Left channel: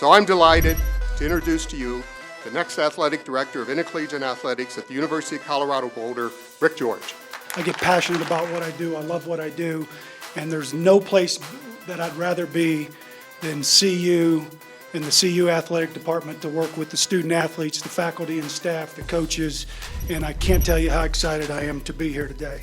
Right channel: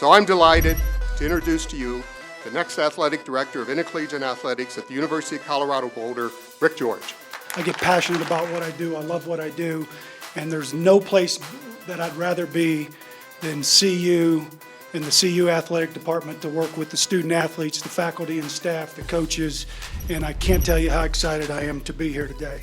So I'm delighted to introduce to you the next athletic director of intercollegiate athletics at the University of Colorado Boulder, Rick George. I get passionate about what I do. I love what I do. And there's no place that I'd rather be than CU, in the CU athletic department, to work with the student athletes, the faculty and staff, the coaches. And I can't tell you how excited I am to be here today.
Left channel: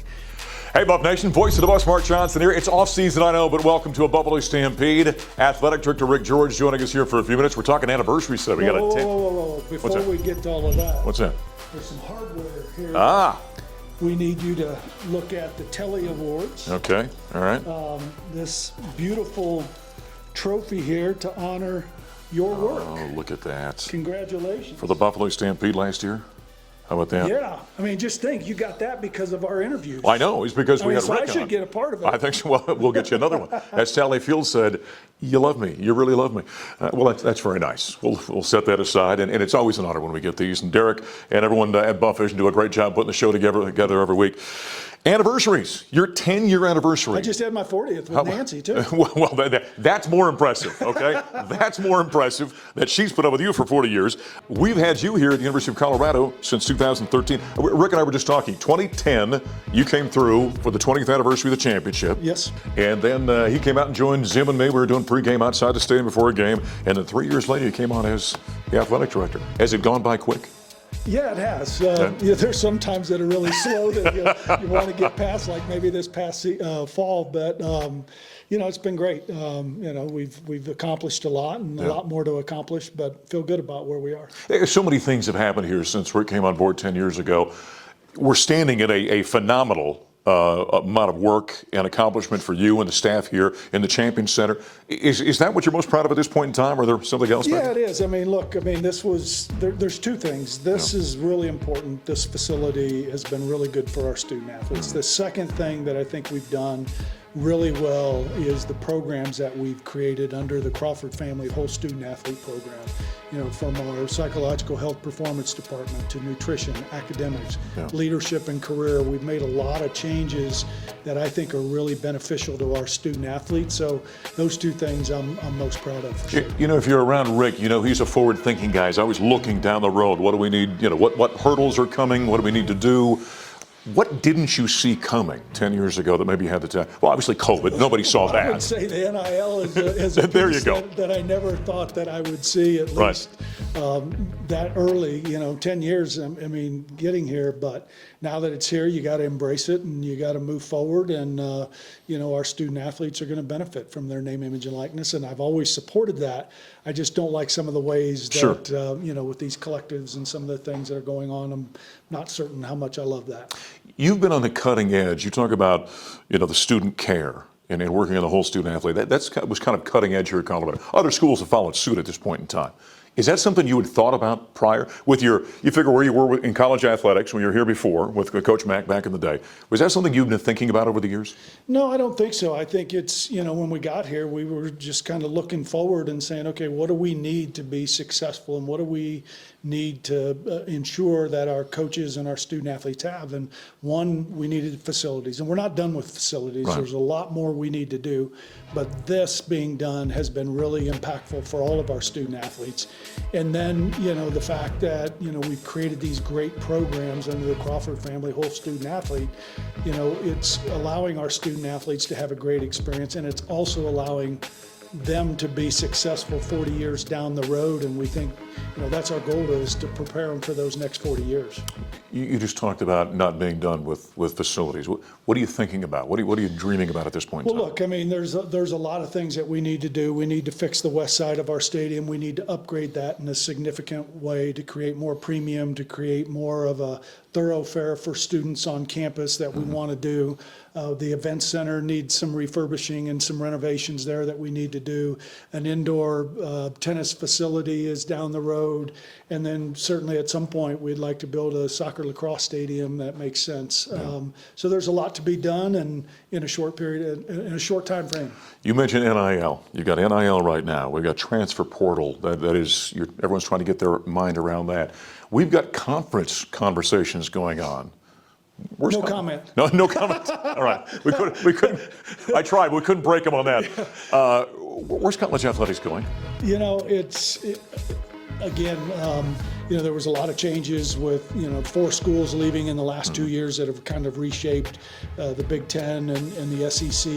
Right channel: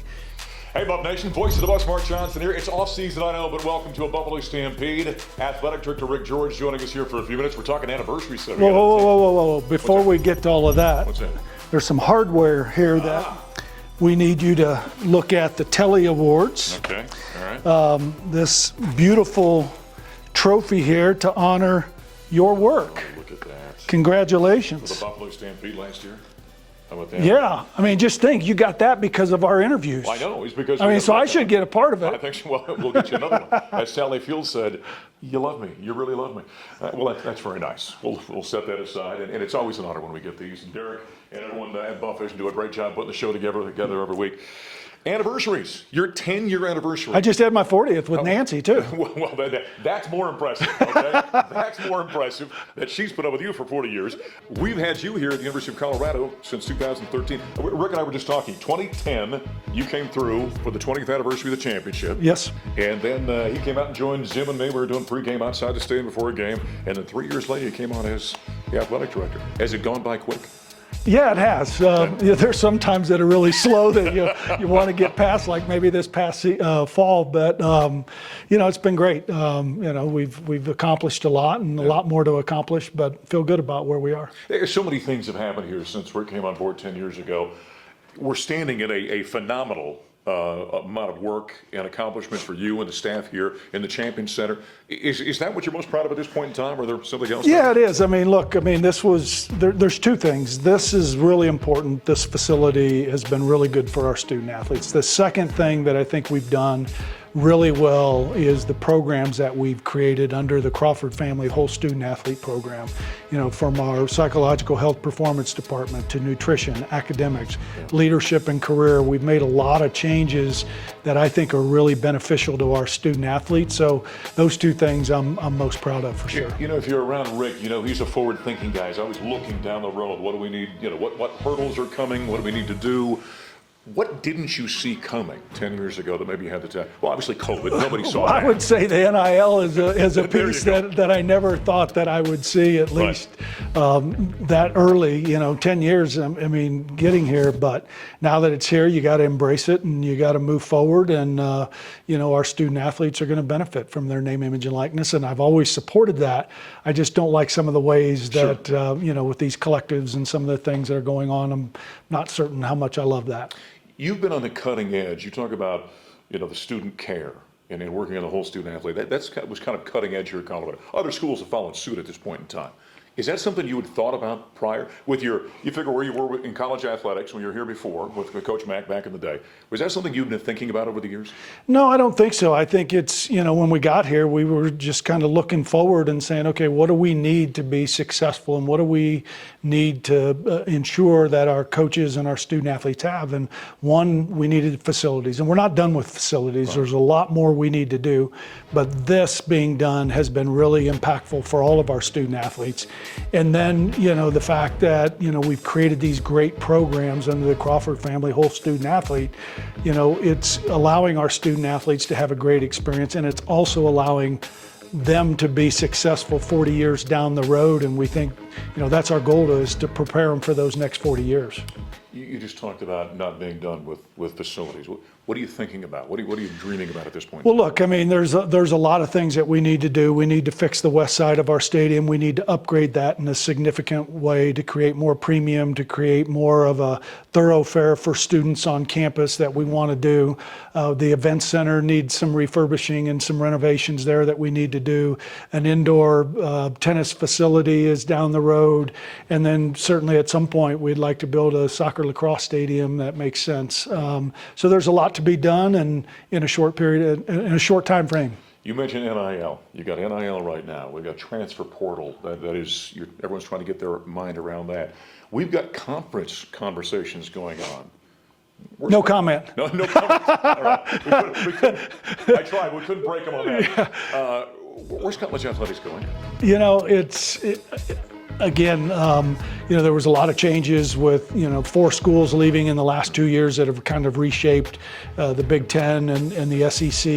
Hey, Buff Nation, voice of the Buffs, Mark Johnson here. It's off season, I know, but welcome to a Buffalo Stampede. Athletic Director Rick George joining us here for a few minutes. We're talking anniversary stuff. Whoa. Before we get to all of that. What's that? There's some hardware here that we need you to look at. The Telly Awards. Okay, all right. This beautiful trophy here to honor your work. Oh, look at that. Congratulations. For the Buffalo Stampede last year? How about that? Yeah, I mean, just think, you got that because of our interviews. I know, it's because I mean, so I should get a part of it. I think so. Well, we'll get you another one. As Sally Field said, you love me, you really love me. Well, that's very nice. We'll set that aside, and it's always an honor when we get these. And Derek and everyone at Buff Vision do a great job putting the show together every week. Anniversaries, your 10-year anniversary. I just had my 40th with Nancy, too. Well, that's more impressive, okay? That's more impressive that she's put up with you for 40 years. We've had you here at the University of Colorado since 2013. Rick and I were just talking. 2010, you came through for the 20th anniversary of the championship. Yes. And then he came out and joined Zim and me. We were doing pregame outside the stadium before a game. And then 3 years later, you came on as the athletic director. Has it gone by quick? Yeah, it has. There's some times that are really slow that you want to get past, like maybe this past fall. But it's been great. We've accomplished a lot, and a lot more to accomplish. But feel good about where we are. So many things have happened here since Rick came on board 10 years ago. We're standing at a phenomenal amount of work and accomplishment for you and the staff here in the Champion Center. Is that what you're most proud of at this point in time, or is there something else? Yeah, it is. I mean, look, this was, there's two things. This is really important. This facility has been really good for our student athletes. The second thing that I think we've done really well is the programs that we've created under the Crawford Family Whole Student Athlete Program. From our psychological health performance department to nutrition, academics, leadership and career. We've made a lot of changes that I think are really beneficial to our student athletes. So those two things I'm most proud of, for sure. If you're around Rick, he's a forward-thinking guy. He's always looking down the road. What do we need? What hurdles are coming? What do we need to do? What didn't you see coming 10 years ago that maybe you had the time? Well, obviously COVID. Nobody saw that. I would say the NIL is a piece that I never thought that I would see, at least that early. 10 years, getting here. But now that it's here, you got to embrace it and you got to move forward. And, our student athletes are going to benefit from their name, image, and likeness. And I've always supported that. I just don't like some of the ways that, with these collectives and some of the things that are going on. I'm not certain how much I love that. You've been on the cutting edge. You talk about, the student care and working on the whole student athlete. That was kind of cutting edge here at Colorado. Other schools have followed suit at this point in time. Is that something you had thought about prior? You figure where you were in college athletics when you were here before with Coach Mack back in the day. Was that something you've been thinking about over the years? No, I don't think so. I think it's, when we got here, we were just kind of looking forward and saying, okay, what do we need to be successful, and what do we need to ensure that our coaches and our student athletes have? And one, we needed facilities, and we're not done with facilities. Right. There's a lot more we need to do, but this being done has been really impactful for all of our student athletes. And then, the fact that, we've created these great programs under the Crawford Family Whole Student Athlete, it's allowing our student athletes to have a great experience, and it's also allowing them to be successful 40 years down the road. And we think, that's our goal, is to prepare them for those next 40 years. You just talked about not being done with facilities. What are you thinking about? What are you dreaming about at this point? Well, look, there's a lot of things that we need to do. We need to fix the west side of our stadium. We need to upgrade that in a significant way to create more premium, to create more of a thoroughfare for students on campus that we want to do. The event center needs some refurbishing and some renovations there that we need to do. An indoor tennis facility is down the road. And then certainly at some point we'd like to build a soccer lacrosse stadium that makes sense. So there's a lot to be done, and in a short time frame. You mentioned NIL. You've got NIL right now. We've got transfer portal. Everyone's trying to get their mind around that. We've got conference conversations going on. No comment. No comment. All right. We couldn't. I tried. We couldn't break them on that. Where's college athletics going? You know, again, there was a lot of changes with, 4 schools leaving in the last 2 years that have kind of reshaped the Big Ten and the SEC.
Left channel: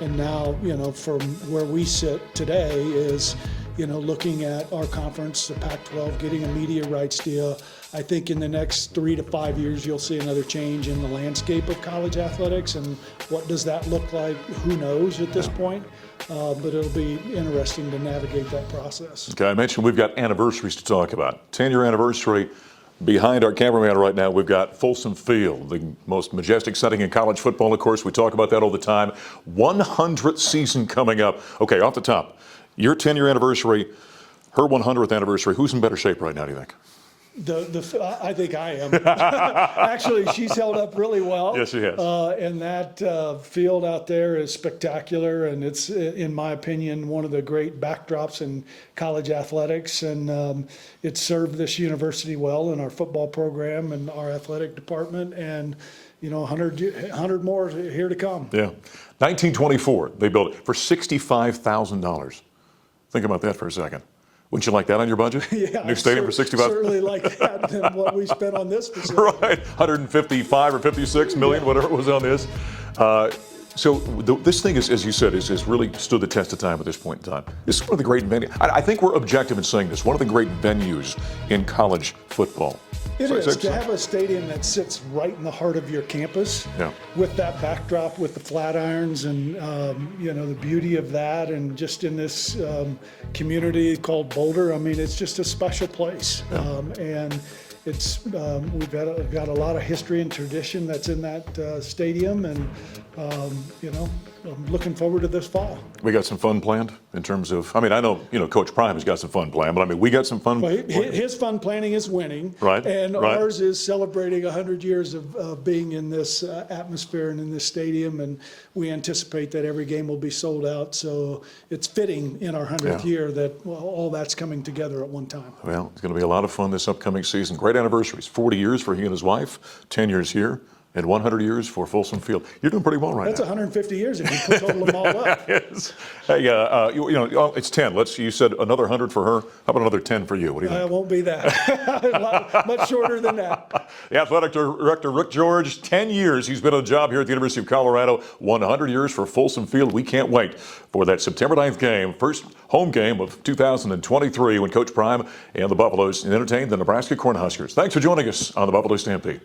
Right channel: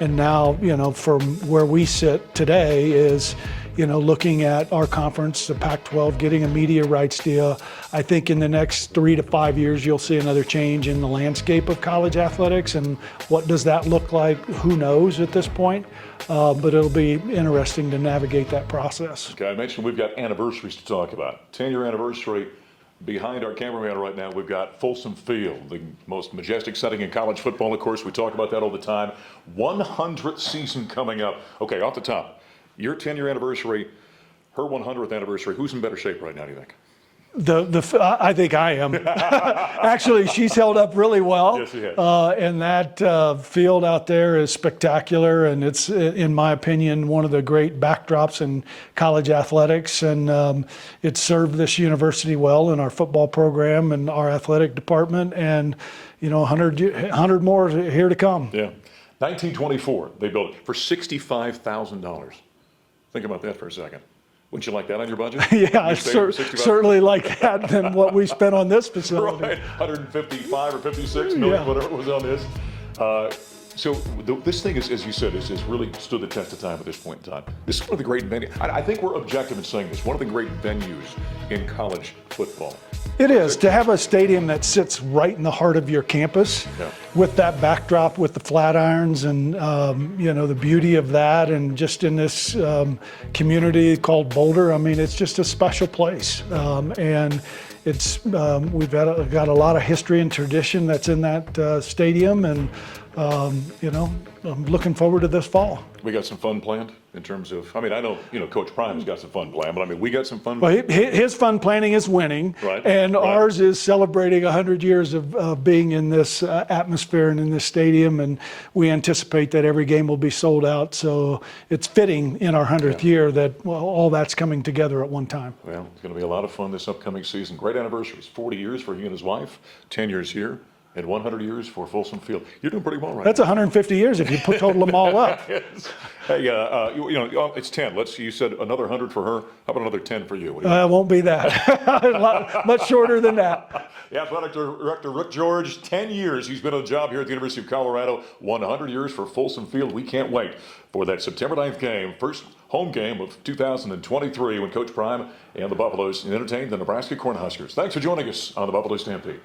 And now, from where we sit today is, looking at our conference, the Pac-12, getting a media rights deal. I think in the next 3 to 5 years, you'll see another change in the landscape of college athletics. And what does that look like? Who knows at this point? But it'll be interesting to navigate that process. Okay, I mentioned we've got anniversaries to talk about. 10-year anniversary. Behind our cameraman right now, we've got Folsom Field, the most majestic setting in college football. Of course, we talk about that all the time. 100th season coming up. Okay, off the top, your 10-year anniversary, her 100th anniversary. Who's in better shape right now, do you think? I think I am. Actually, she's held up really well. Yes, she has. And that field out there is spectacular, and it's, in my opinion, one of the great backdrops in college athletics. And it served this university well in our football program and our athletic department. And 100 more here to come. Yeah, 1924 they built it for $65,000. Think about that for a second. Wouldn't you like that on your budget? Yeah, I certainly like that than what we spent on this facility. Right, 155 or 56 million, whatever it was on this. So this thing is, as you said, is really stood the test of time at this point in time. This is one of the great venues. I think we're objective in saying this. One of the great venues in college football. It is to have a stadium that sits right in the heart of your campus, with that backdrop, with the Flatirons, and the beauty of that, and just in this community called Boulder. I mean, it's just a special place, and it's we've got a lot of history and tradition that's in that stadium, and I'm looking forward to this fall. We got some fun planned in terms of, I know Coach Prime has got some fun planned, but we got some fun. Well, his fun planning is winning, right? And ours is celebrating 100 years of being in this atmosphere and in this stadium, and we anticipate that every game will be sold out. So it's fitting in our 100th year that all that's coming together at one time. Well, it's going to be a lot of fun this upcoming season. Great anniversaries, 40 years for he and his wife, 10 years here. And 100 years for Folsom Field. You're doing pretty well right That's now. 150 years if you total them all up. Yes. Hey, it's 10. You said another 100 for her. How about another 10 for you? What do you think? It won't be that. Much shorter than that. The athletic director, Rick George, 10 years he's been on the job here at the University of Colorado. 100 years for Folsom Field. We can't wait for that September 9th game, first home game of 2023, when Coach Prime and the Buffaloes entertain the Nebraska Cornhuskers. Thanks for joining us on the Buffalo Stampede.